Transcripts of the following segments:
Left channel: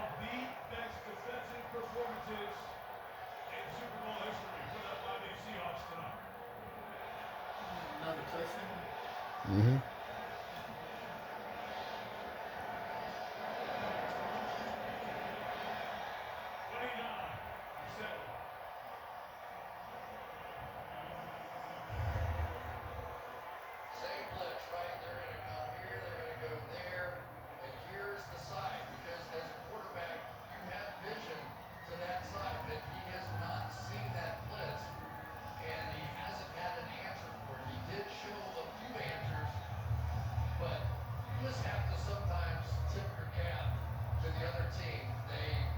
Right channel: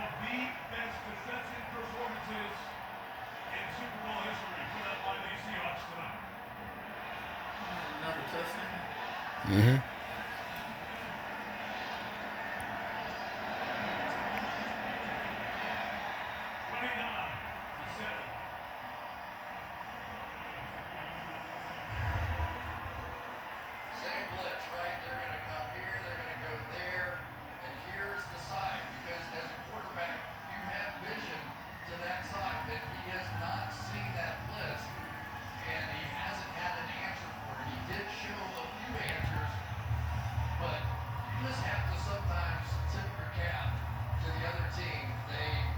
the best defensive performances in Super Bowl history put up by the Seahawks tonight. Another touchdown. Mm-hmm. 29-7. Same blitz, right? They're going to come here, they're going to go there, and here's the side. Because as a quarterback, you have vision to that side, but he has not seen that blitz, and he hasn't had an answer for it. He did show a few answers, but you just have to sometimes tip your cap to the other team. They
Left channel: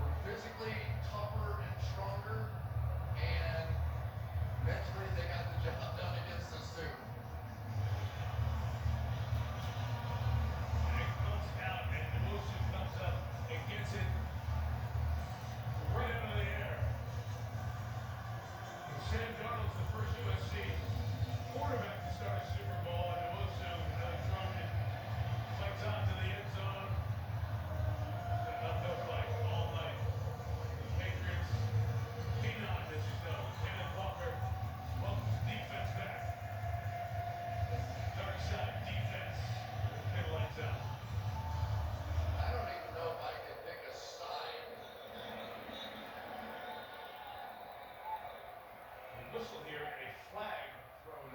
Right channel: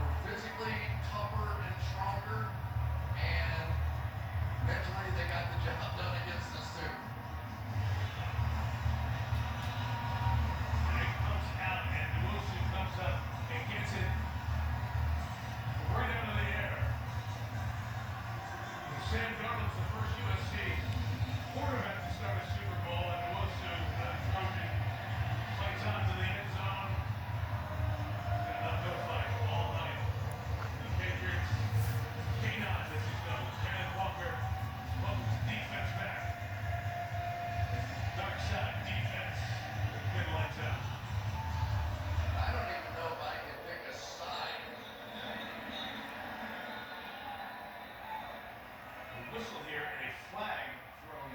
were physically tougher and stronger, and mentally they got the job done against us too. And it comes out, and Wilson comes up and gets it right out of the air. Sam Darnold's the first USC quarterback to start a Super Bowl, and Wilson, another Trojan, fights on to the end zone. It's an uphill fight all night. The Patriots, K9, this is Kenneth Walker, welcomes defense back. Dark side defense, good lights out. I don't even know if I can pick a side. The whistle here and a flag thrown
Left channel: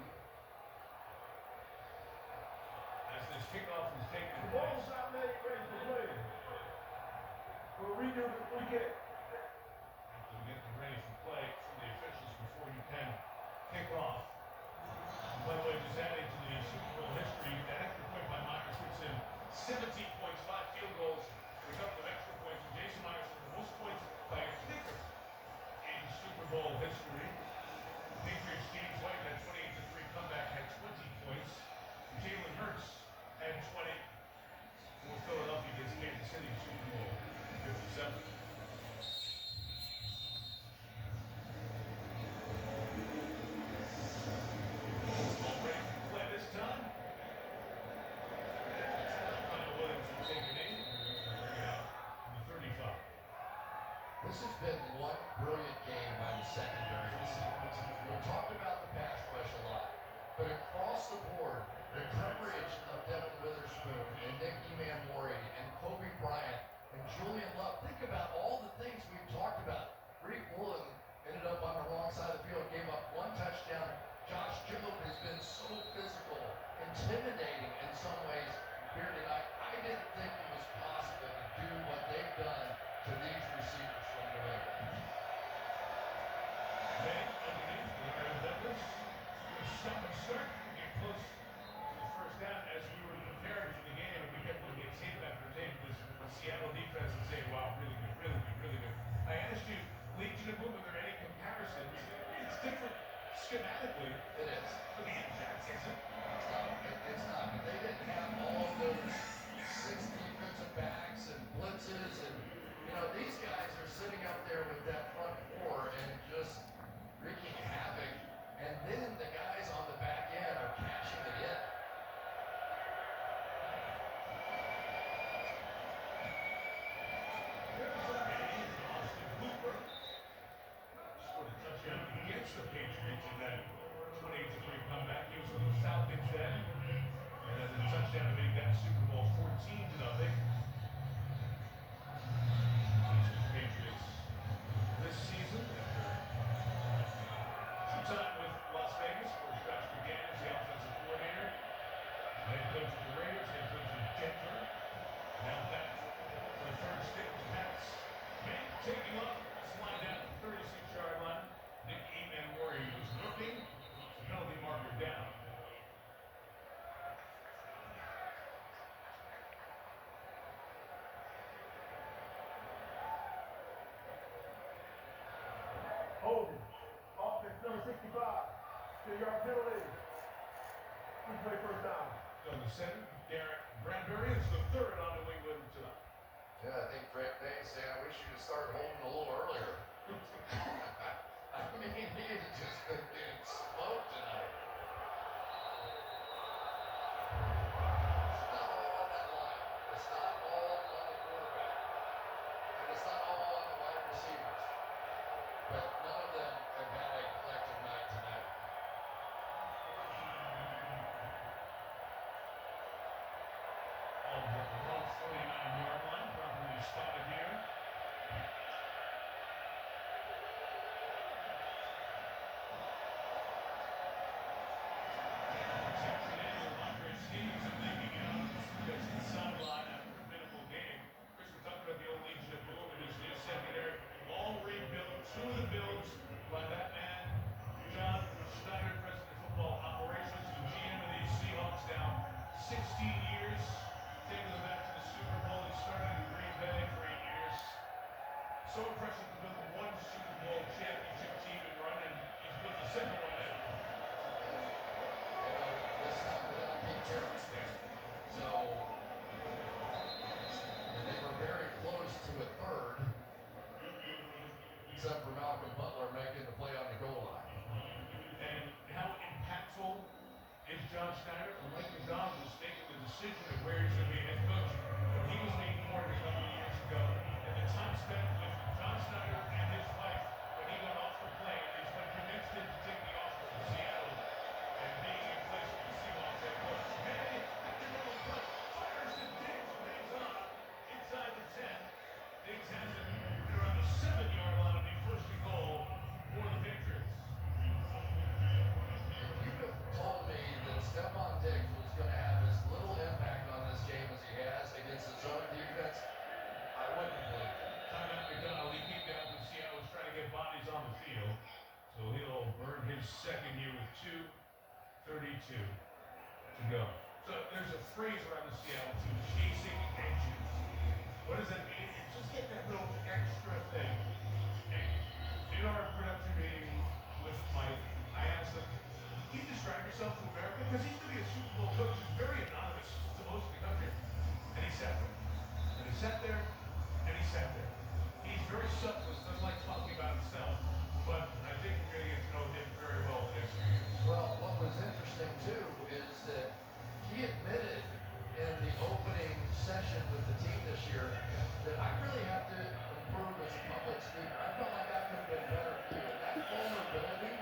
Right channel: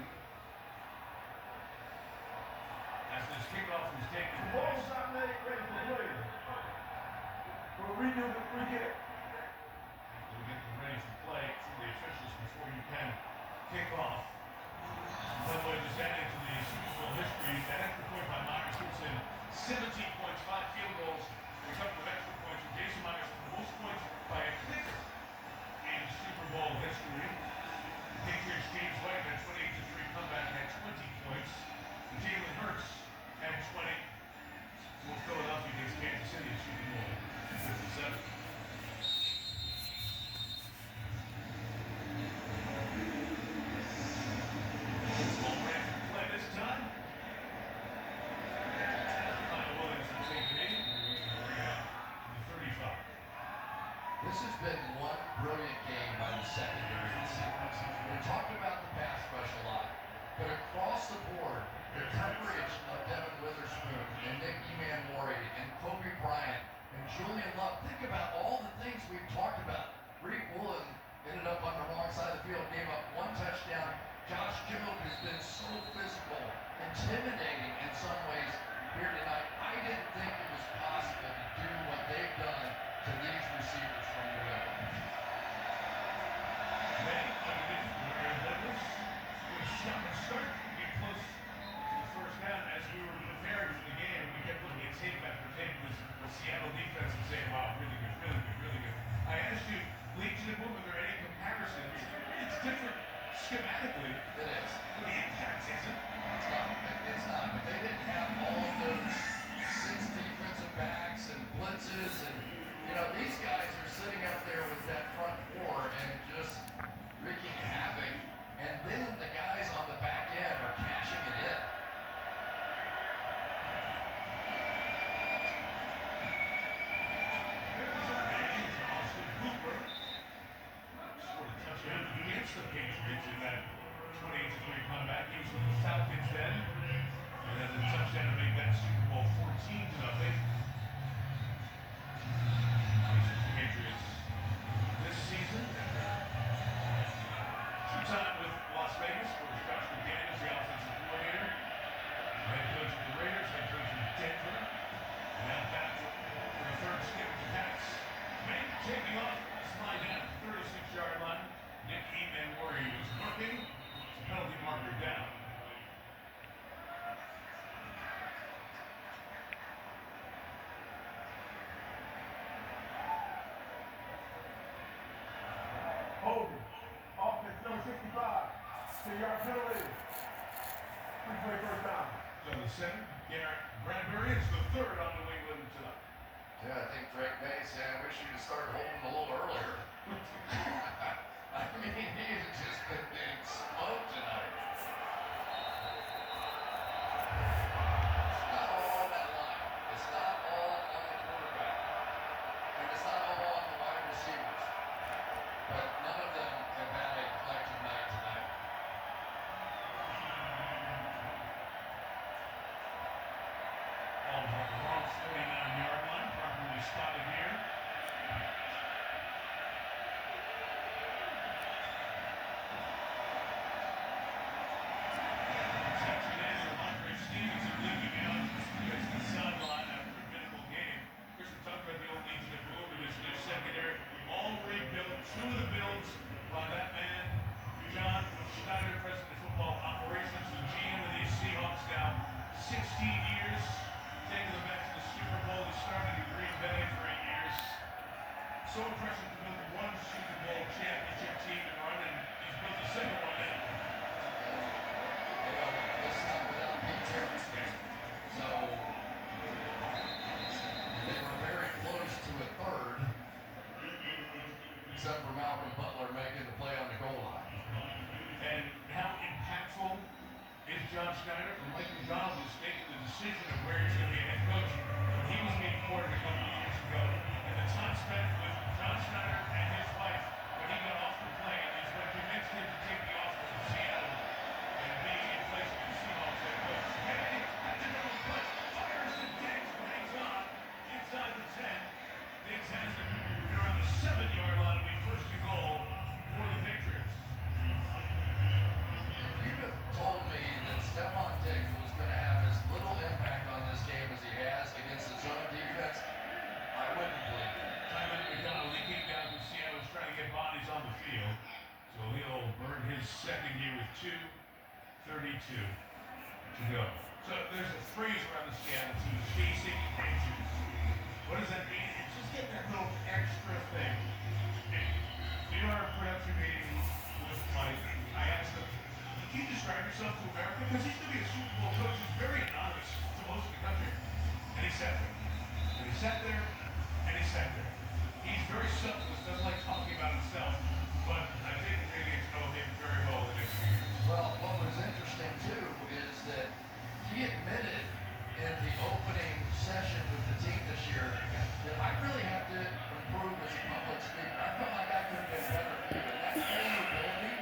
as this kickoff is taking The place. ball's not ready for play. We'll redo the free kick. We'll get them ready for play from the officials before you can kick off. By the way, just adding to the Super Bowl history, that extra point by Myers puts in 17 points, 5 field goals, and a couple of extra points. And Jason Myers has the most points by a kicker in Super Bowl history. Patriots James White had 28-3 comeback, had 20 points. Jalen Hurts had 20. For Philadelphia against Kansas City in Super Bowl 57. Ball break play this time. Michael Williams will take it in. Bring it out to the 35. This has been one brilliant game by the secondary. We talked about the pass rush a lot, but across the board, the coverage of Devin Witherspoon and Nick Emanwari and Kobe Bryant and Julian Love. Think about all the things we've talked about. Reed Woolen ended up on the wrong side of the field, gave up one touchdown. Josh Jobe has been so physical, intimidating in some ways here tonight. I didn't think it was possible to do what they've done to these receivers from New England. Man underneath, Mario Douglas. Good shot and start. Get close to the first down as we were preparing for the game, and we kept looking at tape after tape because the Seattle defense and saying, wow, really good, really good, really good. I asked you, Legion of Boom, are there any comparisons? It's different schematically. It is. But the impact isn't. It's not. But they didn't have all of those 6 defensive backs and blitzes, and these guys are sitting up there with that front four and just wreaking havoc. And then the guys on the back end are cashing it in. Austin Hooper scored a touchdown against the Patriots in that 28-3 comeback. He was with the Falcons then, and then the touchdown to make that Super Bowl 14-0. Patriots this season after two-time with Las Vegas, where Josh McDaniels, the offensive coordinator, head coach of the Raiders, head coach of Denver, now back for a third stint with the Pats. Man taking off, slide down at the 36-yard line. Nick Emanwari was looking. It's a penalty marker down. Holding. Offense number 65. 10-yard penalty. Replay first down. So the center, Garrett Bradbury, is the third on New England tonight. Yeah, I think Drake May said, I wish you'd have started holding a little earlier. I mean, he's just been getting smoked tonight. It's not all on that line. It's not all on the quarterback. second one in. This time without Pete Terrence there. So, and they were very close to a third, except for Malcolm Butler making the play on the goal line. And how impactful is John Schneider? And Mike McDonald was making the decision of where he's going to be a head coach when he was being courted a couple of years ago. And the time spent with John Schneider and his wife when he got off the plane is what convinced him to take the offer from Seattle and being in place of the Seahawks head coach. Hey, at the middle play, fires to Diggs, hangs on inside the 10. Diggs has it. They're on the 7-yard line to be first and goal for the Patriots. If you'd have told me that Stephon Diggs was going to have as little impact on this game as he has against his own defense, I wouldn't believe it. Simon McDonald, he came down to Seattle, was trying to get bodies on the field. So he'll earn his second year with 2:32 to go. So there's a phrase around the Seattle team, chasing edges. What does that mean? It's just get that little extra thing. And in our production meeting with Mike, I asked him, can you describe yourself to America? Because he's going to be a Super Bowl coach. He's very anonymous to most of the country. And he sat there. And he sat there. And he sat there. He's very selfless, doesn't like talking about himself. But I think maybe it's know him very well the next few years. Well, what was interesting too is that he admitted in the opening session with the team this year that I really have to improve as a public speaker. I felt like I could have been better too. And that vulnerability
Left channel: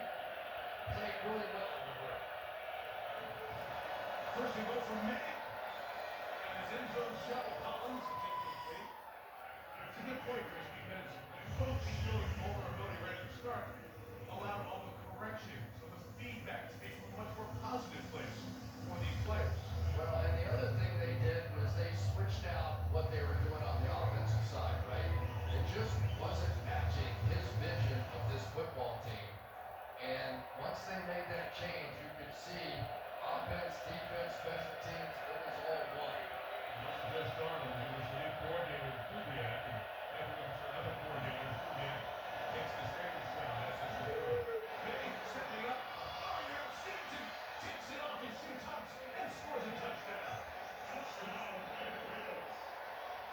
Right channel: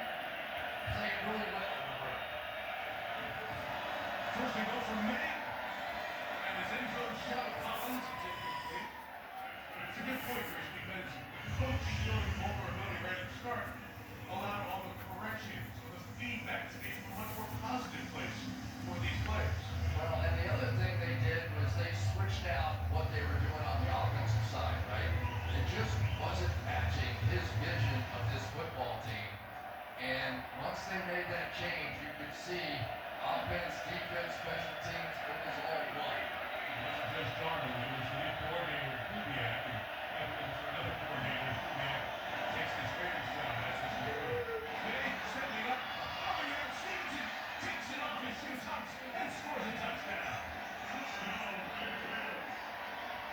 played really well in the room. First and goal from May. And his end zone shot of Collins. It's incomplete. It's a good point, Chris, because coaching showing vulnerability right at the start allowed all the corrections, all the feedback to be from a much more positive place for these players. Well, and the other thing they did was they switched out what they were doing on the offensive side, right? It just wasn't matching his vision of this football team. And once they made that change, you could see offense, defense, special teams, it was all one. It wasn't just Darnold, it was the new coordinator, Kubiak, and now we're looking for another coordinator, Kubiak takes this Raiders job, that's for sure. Hey, setting it up. Oh, you're in Stevenson. Takes it off his shoe tops and scores a touchdown.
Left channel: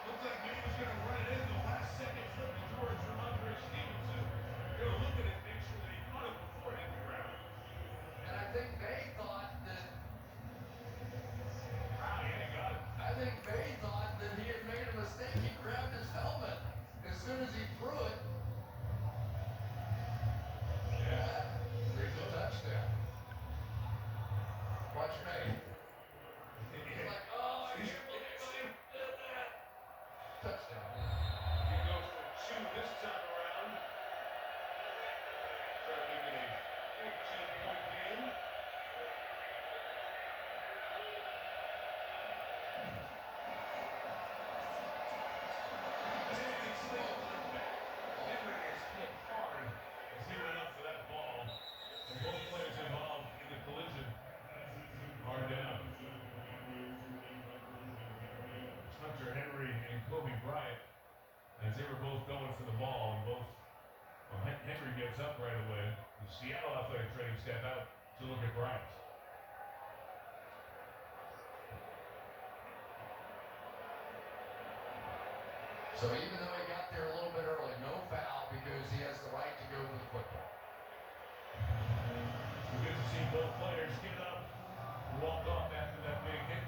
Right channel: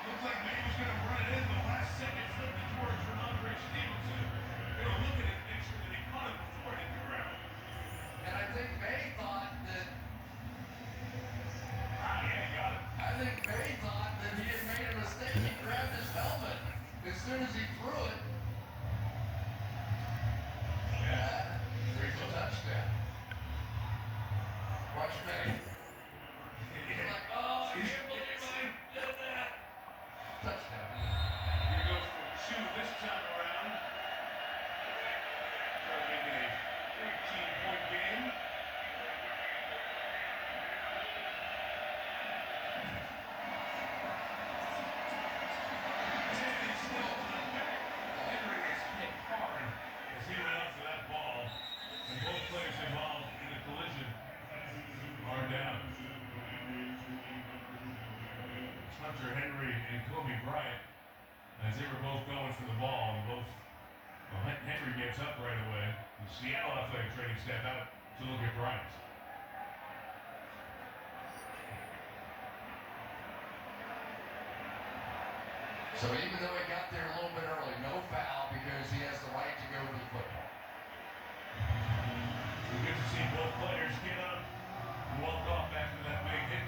Looks like maybe he's going to run it in the last second flip to George Ramondre Stevenson. They were looking at it to make sure that he caught it before it hit the ground. And I think May thought that Wow, yeah, he got it. I think May thought that he had made a mistake. He grabbed his helmet as soon as he threw it. Yeah. There's a touchdown. Watch May. He's like, oh, I can't believe I did that. Touchdown. Here goes for 2 this time around. Trying to make it a 14-point game. And he's still coming back. Henry is hit hard as he went up for that ball. And both players involved in the collision are down. Hunter Henry and Kobe Bryant, as they were both going for the ball, and Henry gets up right away. The Seattle athletic training step out to look at Bryant. So even though he got there a little bit early, no foul because he has the right to go to the football. We get to see both players get up and walk off after that big hit.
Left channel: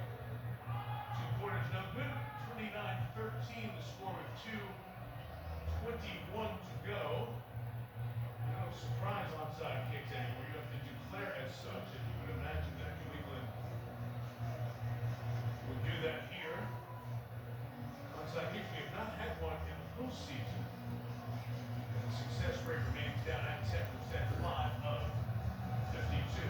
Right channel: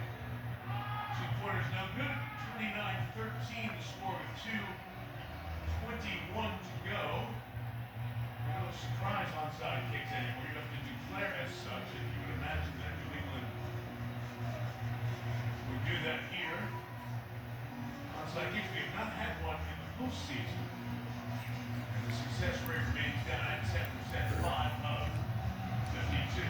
2-pointers no good. 29-13 the score with 2:21 to go. No surprise onside kicks anymore. You have to declare as such, and you would imagine that New England would do that here. Onside kicks, we have not had one in the postseason. And the success rate remains down at 10%, 5 of 52.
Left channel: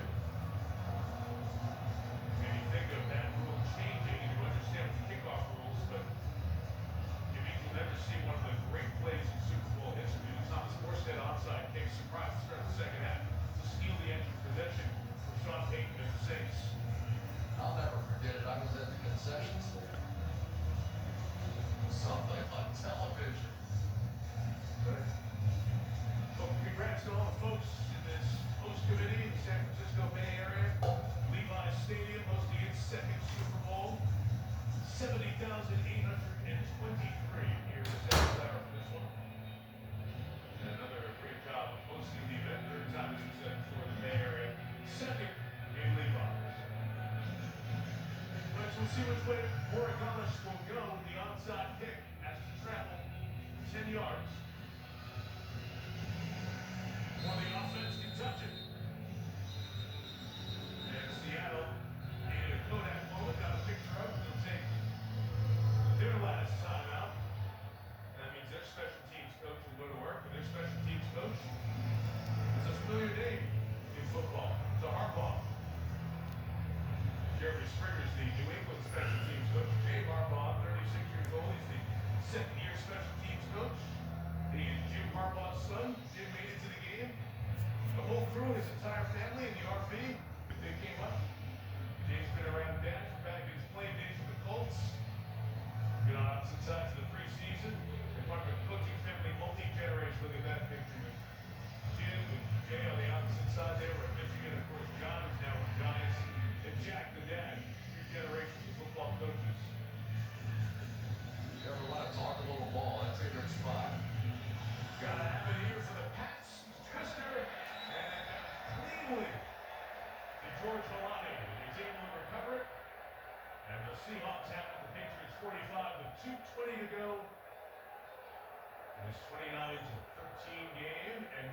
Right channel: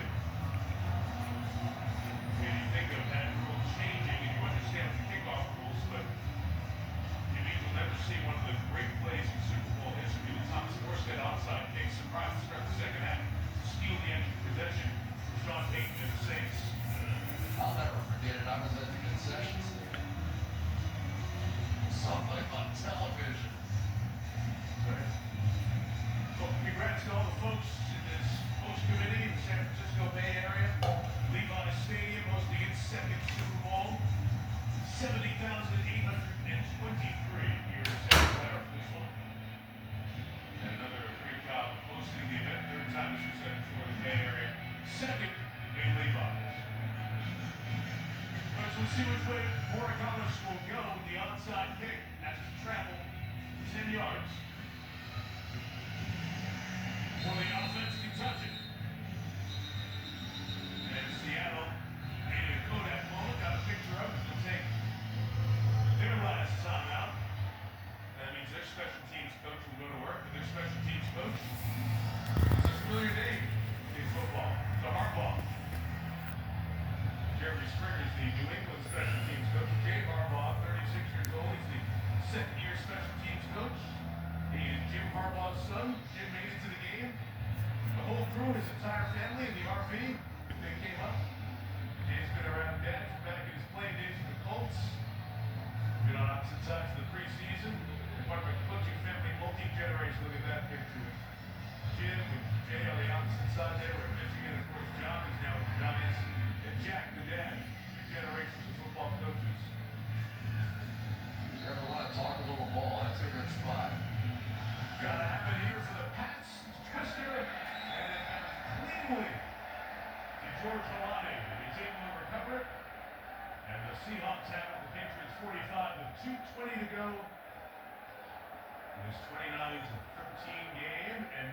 see which way Morikamis will go. The onside kick has to travel 10 yards. Well, the offense can touch it. And Seattle needed a Kodak moment, got a picture of it. They'll take their last timeout. That means their special teams coach will go to work, but their special teams coach is a familiar name in football. The Harbaugh. Jeremy Springer's the New England special teams coach. Jay Harbaugh, 36 years old. He's the second-year special teams coach. He is Jim Harbaugh's son. Jim made it to the game. The whole crew, his entire family in the RV, they came up. Jay's been around Dad back in his playing days with the Colts. Been on opposite sides of the preseason. Department coaching family, multi-generation. Look at that picture with Jim and Jay on the opposite side there. We're at Michigan. Of course, John is now with the Giants. And Jack, the dad. 3 generations of football coaches. You ever want to talk a little ball? That's a good spot. Gotta have it here for the Pats. Twister. And cleanly to George Holani. He's able to recover it. And the Seahawks have it. The Patriots 45 with 2:20 to go. This 29-13 game, and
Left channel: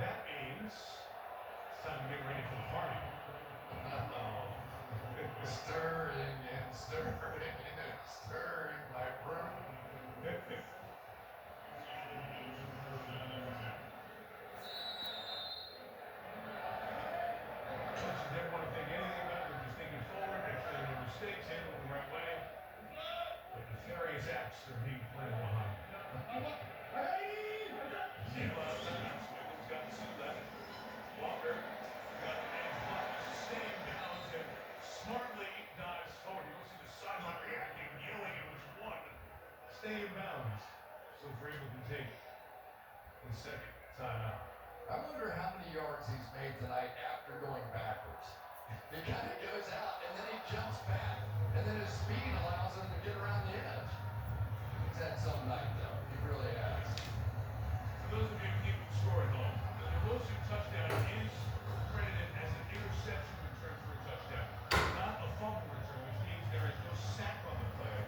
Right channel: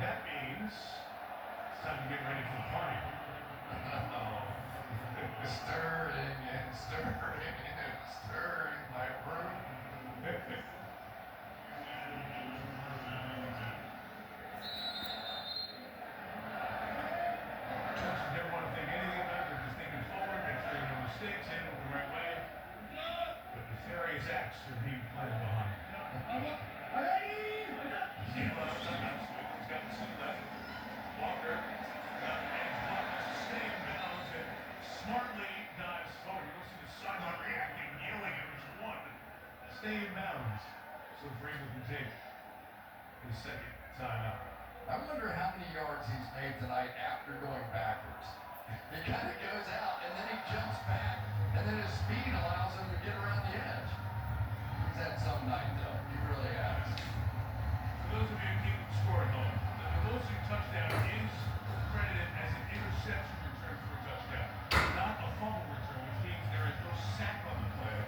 that means it's time to get ready for the party. Stirring and stirring and stirring my room. Coaches never want to think anything about it. They're just thinking forward, make sure no mistakes, handle it the right way. But nefarious acts are being planned behind. Walker got staying bounds and smartly dives forward. You don't see the sideline reacting, yelling at his one. Stay in bounds. So Vrabel can take his second timeout. I wonder how many yards he's made tonight after going backwards. He kind of goes out and then he jumps back, and then his speed allows him to get around the edge. He's had some night though. He really has. For those of you who keep score at home, the Pelosi touchdown is credited as an interception return for a touchdown, not a fumble return, which means there is no sack on the play.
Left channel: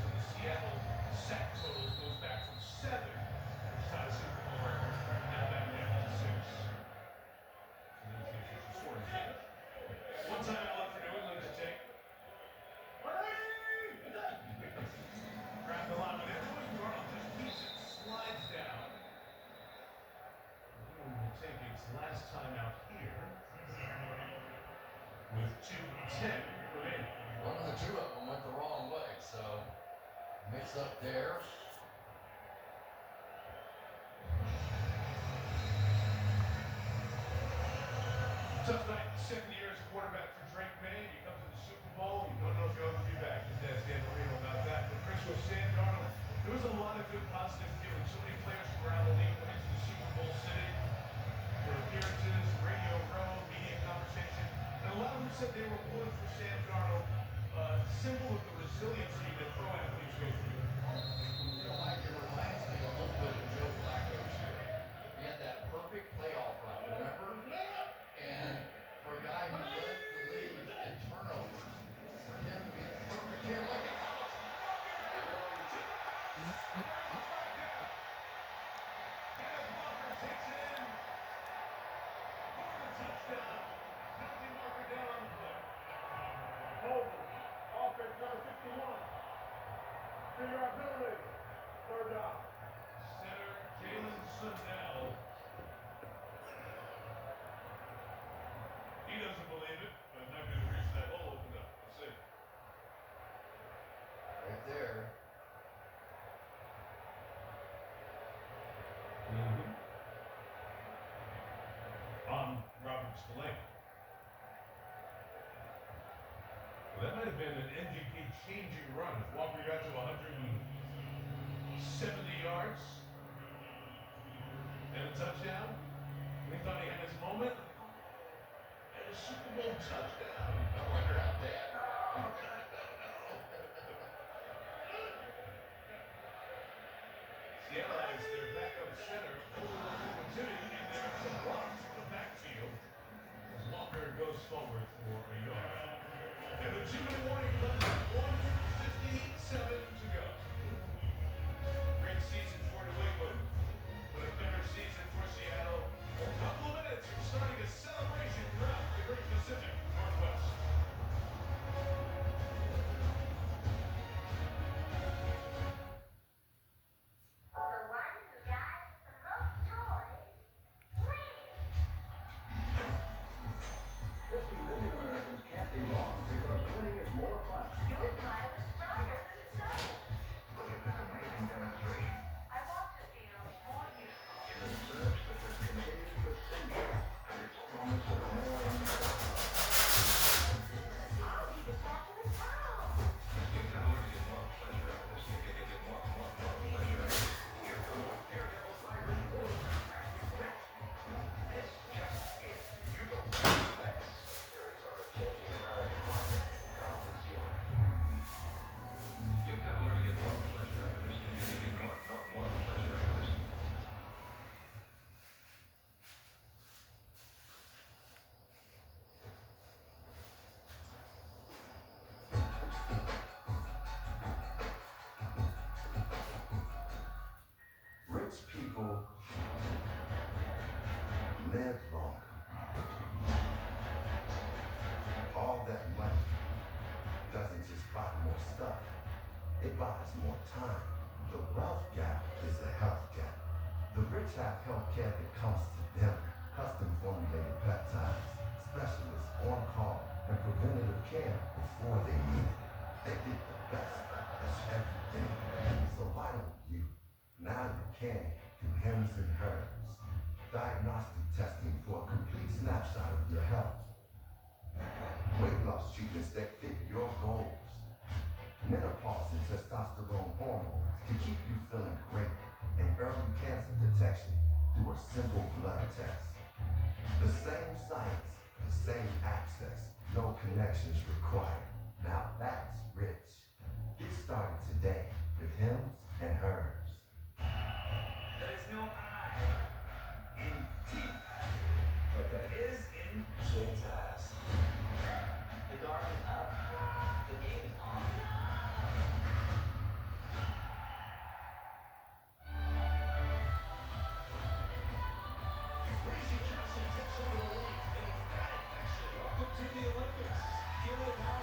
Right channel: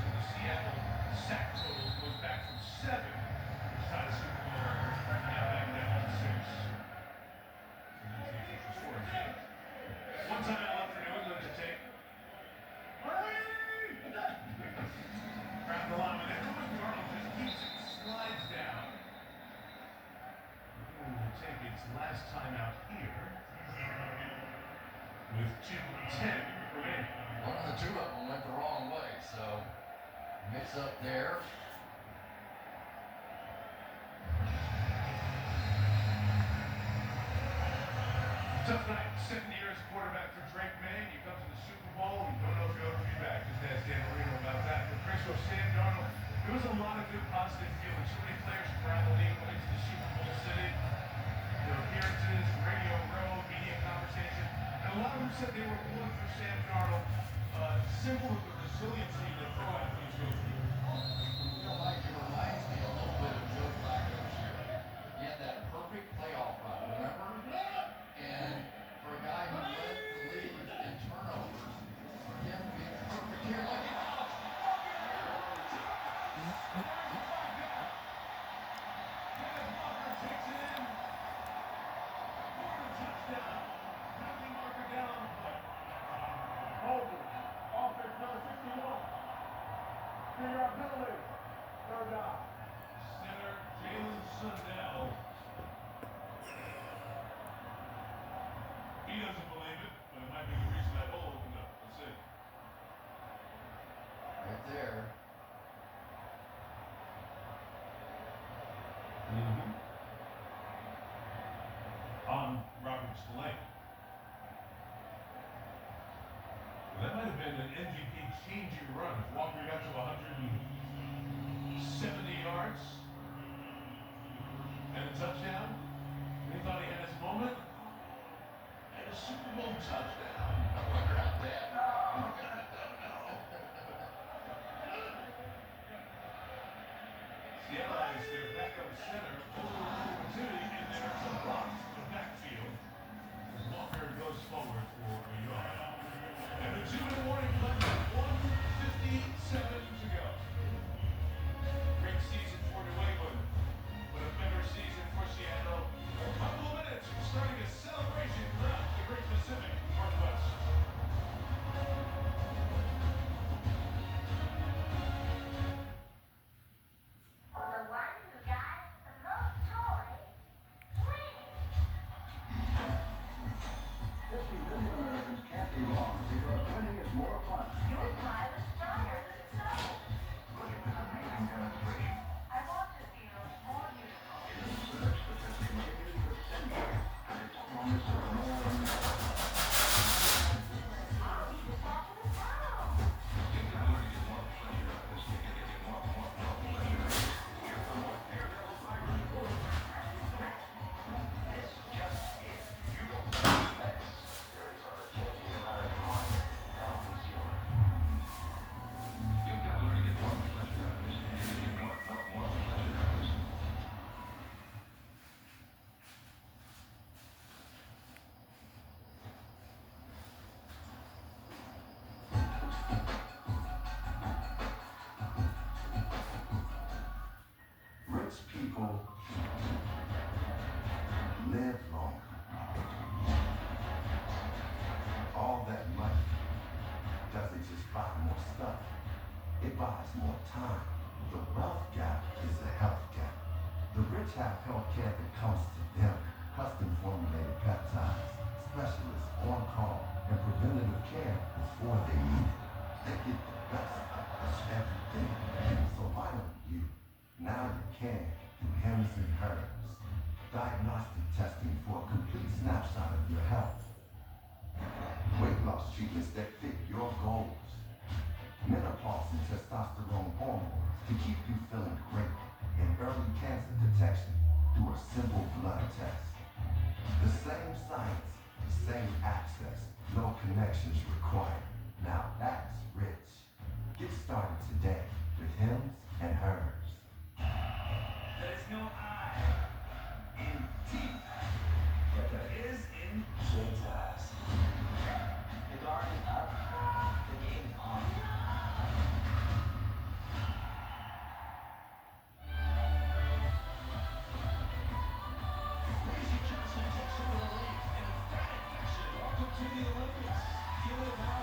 So the Seattle sack total goes back from 7, which tied the Super Bowl record, now back down to 6. And then the Patriots was 4. One time out left for New England to take. Grab the line with it. Darnold just keeps it, slides down. Will take its last time out here with 2:10 remaining. One of the two of them went the wrong way, so mix up there. Tough night, second year as a quarterback for Drake May. You come to the Super Bowl, you don't know if you'll ever be back. Just ask Dan Marino about that. But Chris Sam Darnold, there was a lot of good positive feeling. So many players from around the league went into the Super Bowl city. Their appearances, Radio Row, media conversation. And a lot of them said they were pulling for Sam Darnold, symbol of the resiliency that pro athletes go through. You know, Mike, it reminds me a little bit of Joe Flacco's year. He had that perfect playoff run, remember? And for a guy who led the league in turnovers, for him to be perfect here, like Holden, offense number 61. 3-yard penalty. Third down. Center Jalen Sundell. He doesn't believe it, but it might be the reason that hole opened up. That's it. right there. On Robert Spillane. That might have been an MVP changing run. If Walker got to 170 yards and a touchdown, and he thought he had his moment, and a Super Bowl touchdown. I wonder how bad. Seattle has their backup center over opportunity, and there's a block in the backfield as Walker goes forward for a yard. And the 2 in the morning comes It buys more time. The wealth gap is the health gap. The rich have health care that comes to them. Custom formulated peptides, specialists on call, and preventative care before they need it. They get the best of us every day. So why don't you? Now you can through Hems and Herbs. Diagnostic testing for a complete snapshot of your health. Weight loss treatments that fit your goals. Menopause and testosterone hormones to keep you feeling great. And early cancer detection through a simple blood test. The same science, the same access, no connections required. Now that's rich. Get started today with Hims and Hers. There's no I in deep, but there is in Jazz. The guard is up, the game is on. Crazy Johnson takes over the lead in emphatic fashion. Welcome to the Olympics. Feel it now.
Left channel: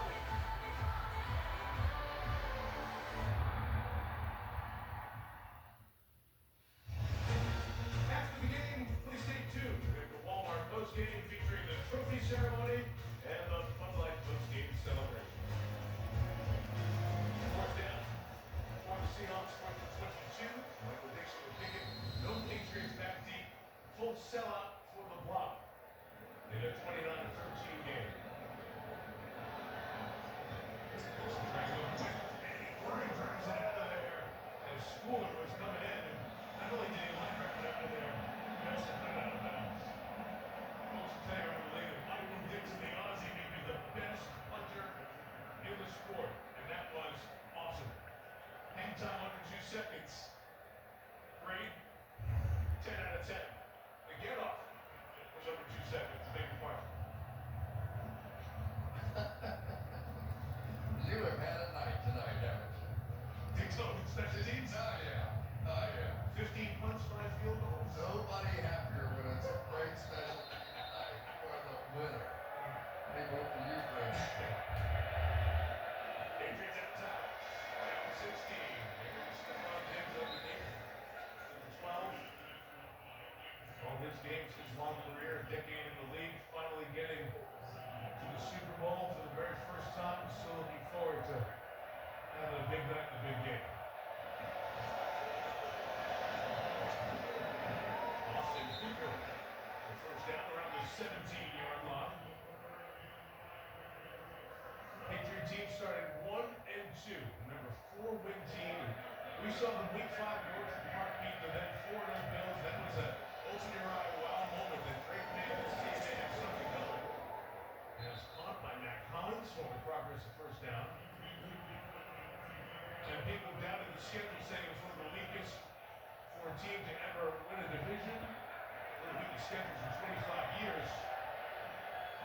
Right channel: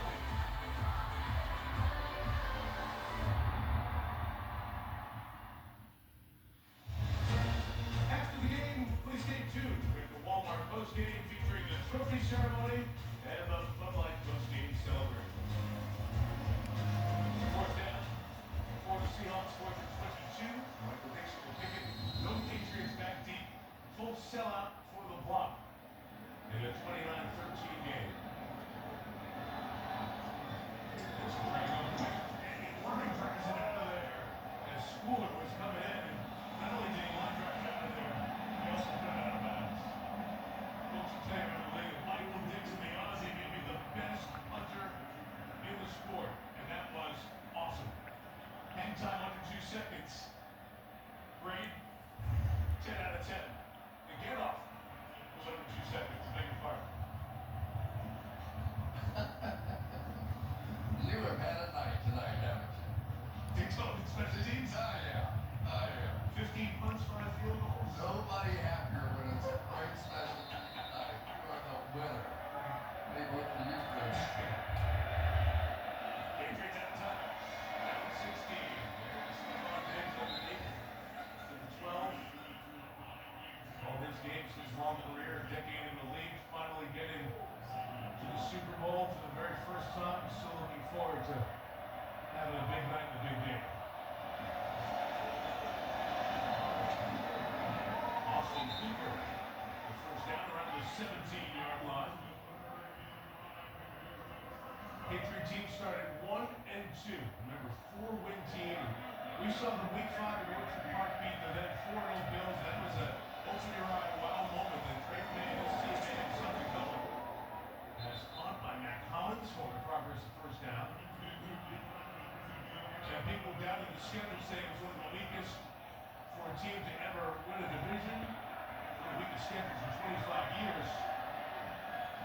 After the game, please stay tuned with the Walmart postgame featuring the trophy ceremony and the Bud Light postgame celebration. Fourth down for the Seahawks, 4th and 22. Michael Dixon will kick it. No Patriots back deep. Full sellout for the block in a 29-13 game. Dixon trying to go quick, and he line drives it out of there as Schooler was coming in, and not only did he line drive it out of there, he also put it out of bounds. Folks will tell you over the league that Michael Dixon, the Aussie, may be the best punter in the sport, and that was awesome. Hang time under 2 seconds. Grade 10 out of 10. The get off was under 2 seconds. Beg your pardon. You have had a night tonight, haven't you? Daytona special teams. Oh, yeah. Oh, yeah. 15 punts, 5 field goals. Nobody happier when it's a great special team night. You are the winner. Hey, vote for you, Chris. Patriots out of time. Down 16. There's Stephon Diggs underneath to the 12. All his games, his long career, a decade in the league, finally getting to the Super Bowl for the very first time. Still looking forward to having a big night in the big game. Austin Hooper, the first down around the 17-yard line. Patriot team started 1-2. Remember, 4-win team. We saw the week 5 at Orchard Park beat the then 4-0 Bills. That was a open your eye wow moment that Drake Manuel see if they had something coming. As caught by Matt Collins, holding progress at first down. And people doubted the schedule, saying it was one of the weakest for a team to ever win a division. One of the weakest schedules in 25 years.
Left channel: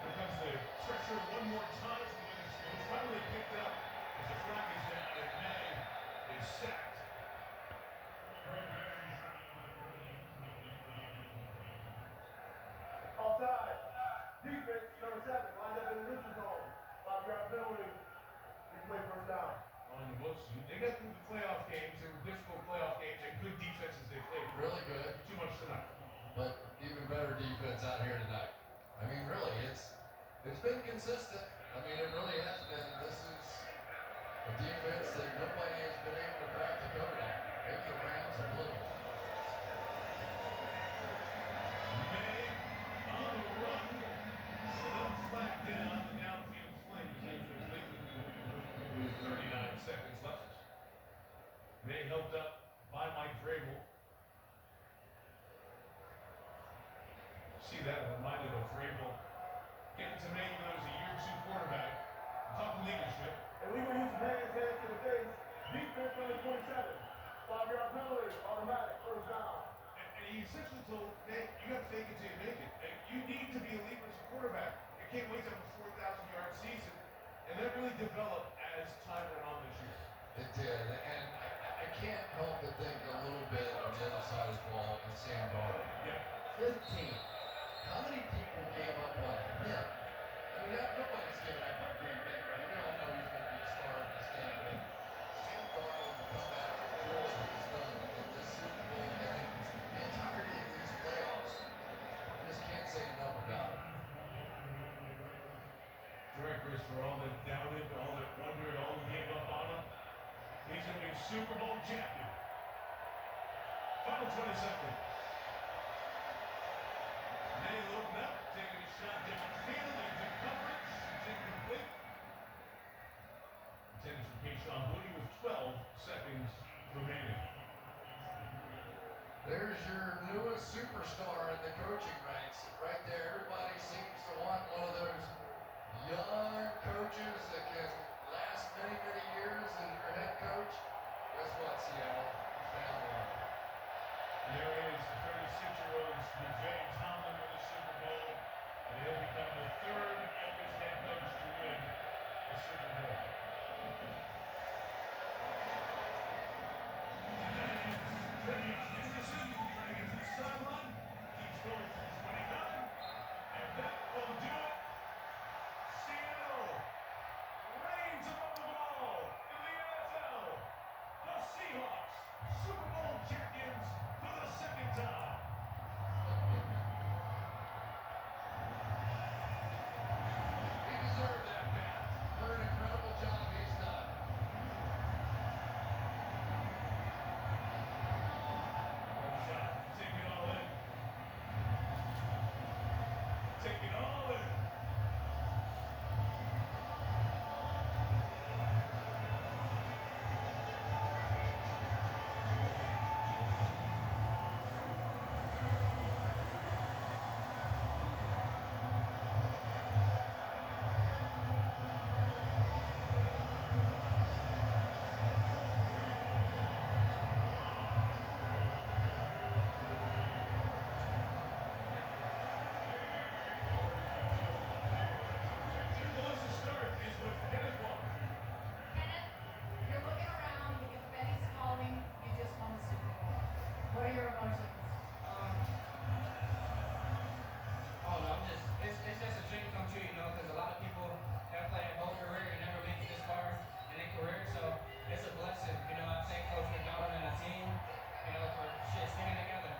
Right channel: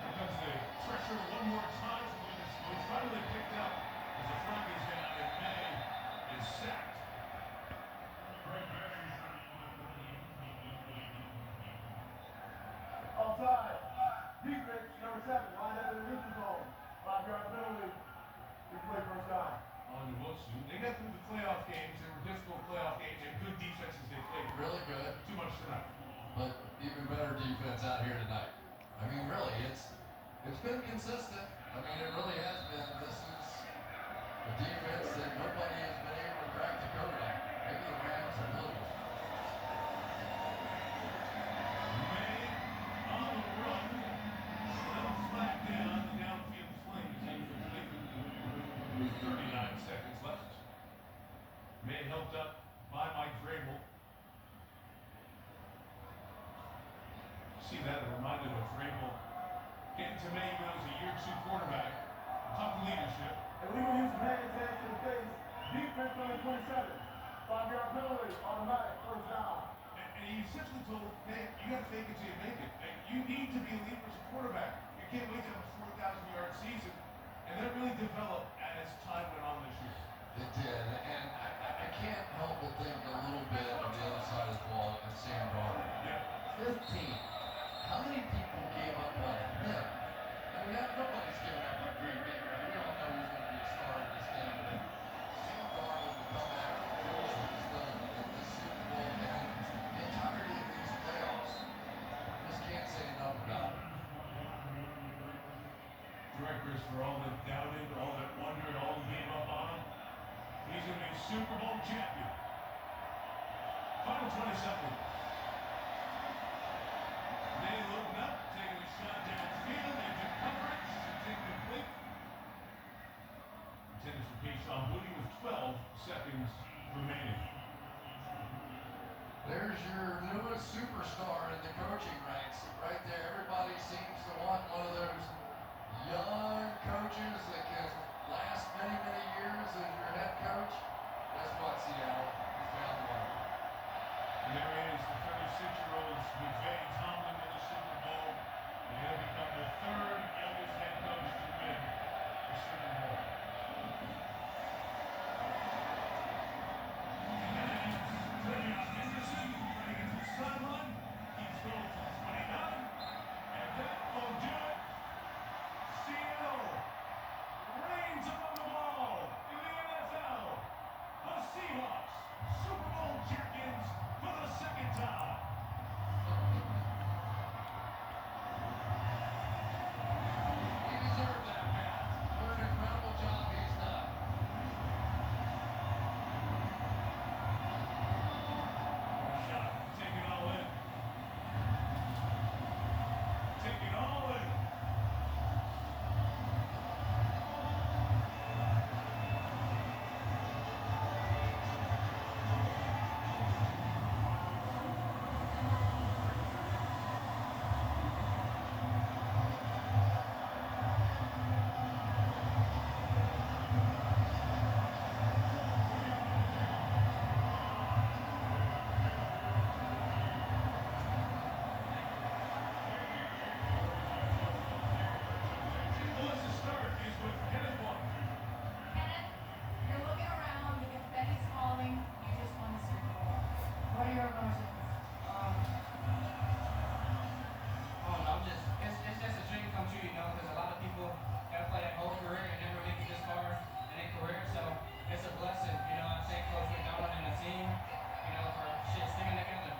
Here comes the pressure one more time from Minnesota. It's finally picked up as the flag is down and May is sacked. Offside. Defense, number 7, lined up in the neutral zone. 5-yard penalty. Replay first down. On to Wosu. They got through the playoff games. They were difficult playoff games and good defenses they played. Really good, Too much tonight. but even better defense out here tonight. I mean, really, it's been consistent. I mean, it really has been. This is a defense that nobody has been able to crack the code on. Maybe the Rams are little. May on the run. A little flat down the downfield flank is incomplete. With 39 seconds left. May helped up by Mike Vrabel. See that? A reminder of Vrabel getting to May when he was a year 2 quarterback. Tough leadership. Illegal use of hands to the face. Defense, number 27. 5-yard penalty. Automatic first down. And he essentially told, hey, you got to fake it till you make it. And you need to be elite as a quarterback. You can't wait to have a 4,000-yard season. And that really developed as time went on this year. It did, and I can't help but think a little bit of the other side of the ball and Sam Darnold. Yeah. 15. How many people gave up on him? I mean, nobody's giving up on Green Bay. Right? We all know he's going to be a star of this game. But Sam Darnold Chris, for all that doubted, all that wondered, all who gave up on him, he's going to be Super Bowl champion. Final 20 seconds. They looked up, taking a shot downfield into coverage. It's incomplete. Intended for Keyshawn Woody with 12 seconds remaining. There's your newest superstar in the coaching ranks. Right there, everybody seems to want one of those young coaches that can last many, many years as your head coach. Guess what, Seattle? You found one. And there is the 36-year-old McVay Tomlin in the Super Bowl. And he'll become the third youngest head coach to win the Super Bowl. Henderson trying to get to the sideline. Keeps going for 29. And that will do it. Seattle reigns above the ball in the NFL. The Seahawks, Super Bowl champions for the second time. He deserved that, man. What an incredible job he's done. Shot, take it all in. Take it all in. Who wants to start is with Kenneth Walker. Kenneth, you're looking around, the confetti's falling, you just won the Super Bowl. What are your emotions? I don't know, it's just a dream come true, you know, because a lot of people have played their whole career and never made it this far in their career, so it's a blessing, you know. I thank Coach McDonald and the team, you know, for sticking together.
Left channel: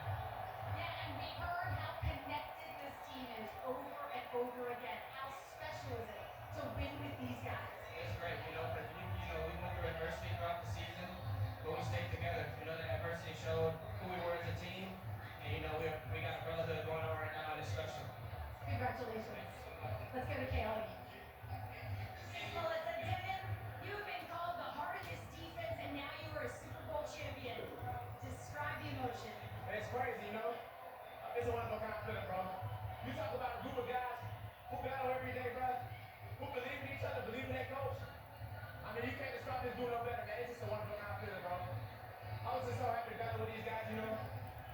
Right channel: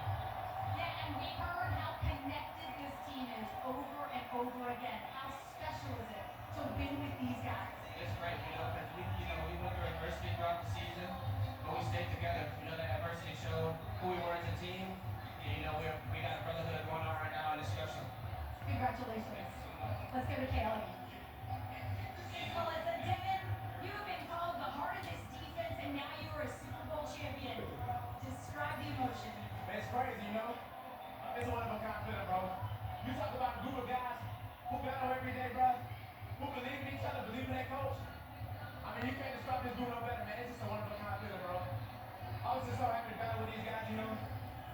Yeah, and we heard how connected this team is over and over again. How special is it to win with these guys? It's great, you know, because we went through adversity throughout the season, but we stayed together. You know, that adversity showed who we were as a team, and you know, we got a brotherhood going on right now, and it's special. Congratulations. Let's go to Kaylee. Melissa, Devin, you have been called the heart of this defense, and now you are a Super Bowl champion. Describe the emotion. It's crazy, you know. It's a wonderful confidence, bro. You talk about a group of guys who battle every day, bro, who believe in each other, believe in their coach. I mean, you can't describe this group no better, man. It's just a wonderful confidence, bro. I was just so happy to battle with these guys, you know.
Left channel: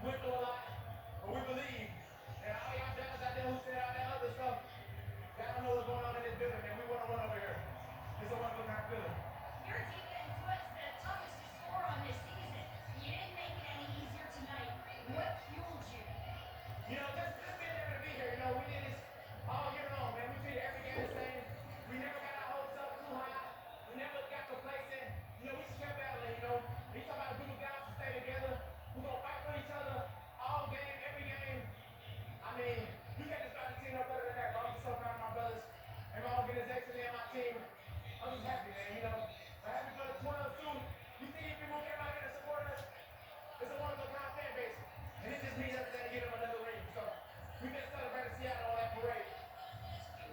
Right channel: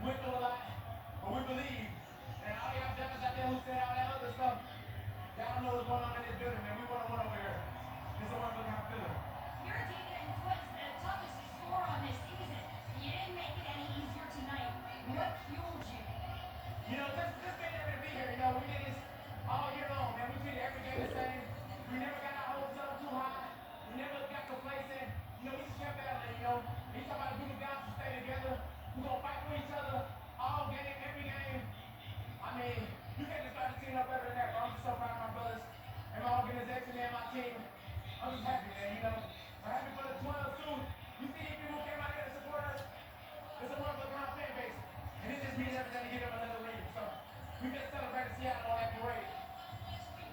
We went through a lot, but we believe. And all y'all devils out there who said all that other stuff, y'all don't know what's going on in this building, man. We want to run over here. It's a wonderful confidence. Your team was the toughest to score on this season. You didn't make it any easier tonight. What fueled you? You know, just being able to be here, you know, we did this all year long, man. We treated every game the same. We never got our hopes up too high. We never got complacent. You know, we just kept battling, you know. You talk about a group of guys who stay together. We're going to fight for each other all game, every game. I mean, you can't describe the team no better than that, bro. I'm just so proud of my brothers and my organization and my team. I'm just happy, man, you know. I'm happy for the 12 too. You see these people came out here to support us. It's a wonderful kind of fan base. And it just means everything to give them another ring. So we can celebrate Seattle on that parade.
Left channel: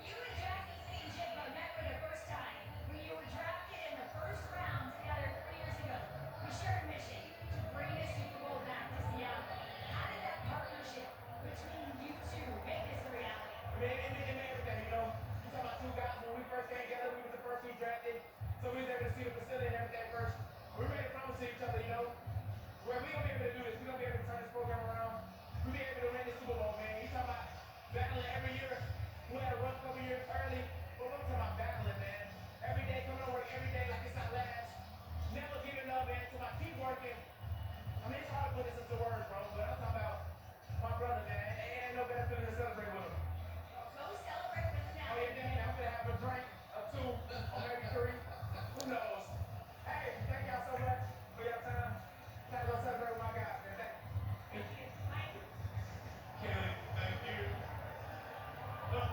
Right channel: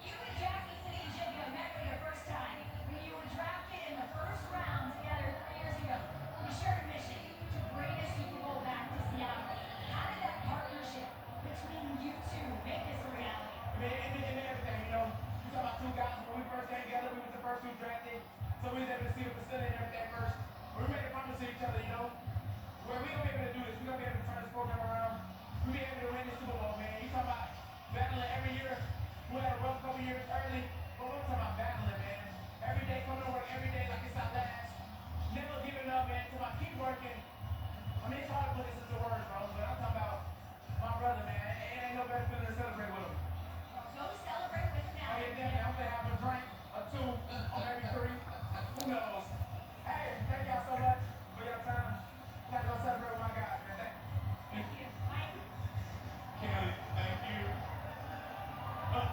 You and Jackson City Jigba met for the first time when you were drafted in the first round together 3 years ago. We shared a mission to bring the Super Bowl back to Seattle. How did that partnership between you two make this a reality? I mean, it made everything, you know. You talk about two guys, when we first came together, we was the first two drafted. So we was able to see the facility and everything first. We made a promise to each other, you know. Where we gonna be able to do this, we gonna be able to turn this program around. We be able to win the Super Bowl, man. You talk about battling every year. We had a rough couple years early, but we're talking about battling, man. Every day coming to work, every day like it's our last. Never giving up, man. So I keep working. I mean, it's hard to put this into words, bro, but I'm talking about my brother, man. It ain't no better feeling to celebrate with him. Go celebrate with them now. Oh, yeah, definitely. I'm gonna have a drink, or two, or maybe three. Who knows? Hey, thank y'all so much for your time. I'm gonna go celebrate with my guys, man. Thank you. Mike, Kaylee, thank you. Oh,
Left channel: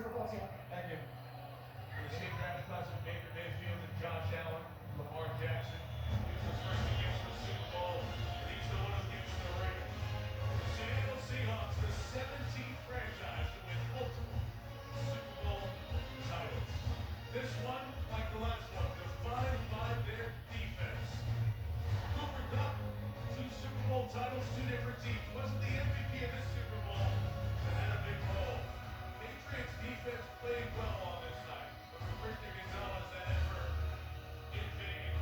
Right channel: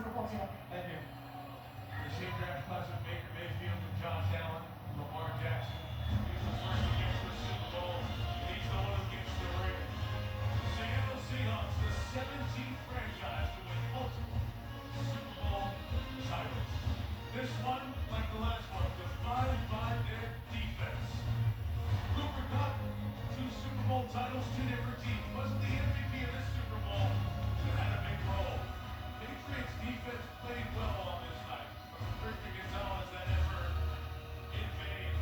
Super Bowl champion. Thank you. The same draft class with Baker Mayfield and Josh Allen, Lamar Jackson. He's the first to get to the Super Bowl, and he's the one who gets the ring. The Seattle Seahawks, the 17th franchise to win multiple Super Bowl titles. This one, like the last one, defined by their defense. Cooper Kupp, 2 Super Bowl titles, 2 different teams. Wasn't the MVP of this Super Bowl, but had a big role. Patriots defense played well on this night. Christian Gonzalez, that ever invade.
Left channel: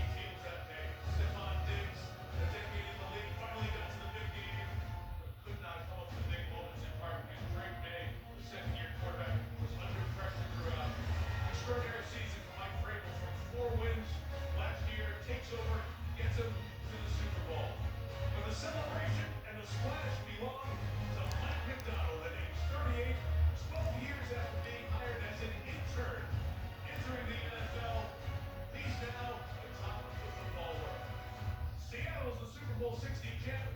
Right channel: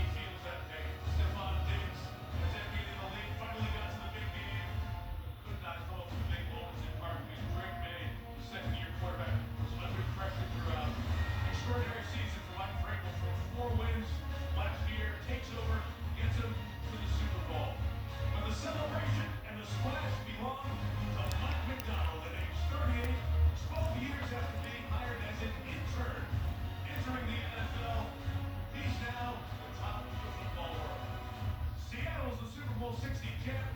He feels that pain. Stephon Diggs, a decade in the league, finally got to the big game. Could not call some big moments in part because Drake May, the second-year quarterback, was under pressure throughout. Extraordinary season for Mike Vrabel from 4 wins last year, takes over, gets him to the Super Bowl. But the celebration and the splash belong to Mike McDonald at age 38, 12 years after being hired as an intern, entering the NFL. He's now the top of the football world. Seattle's the Super Bowl 60 champ.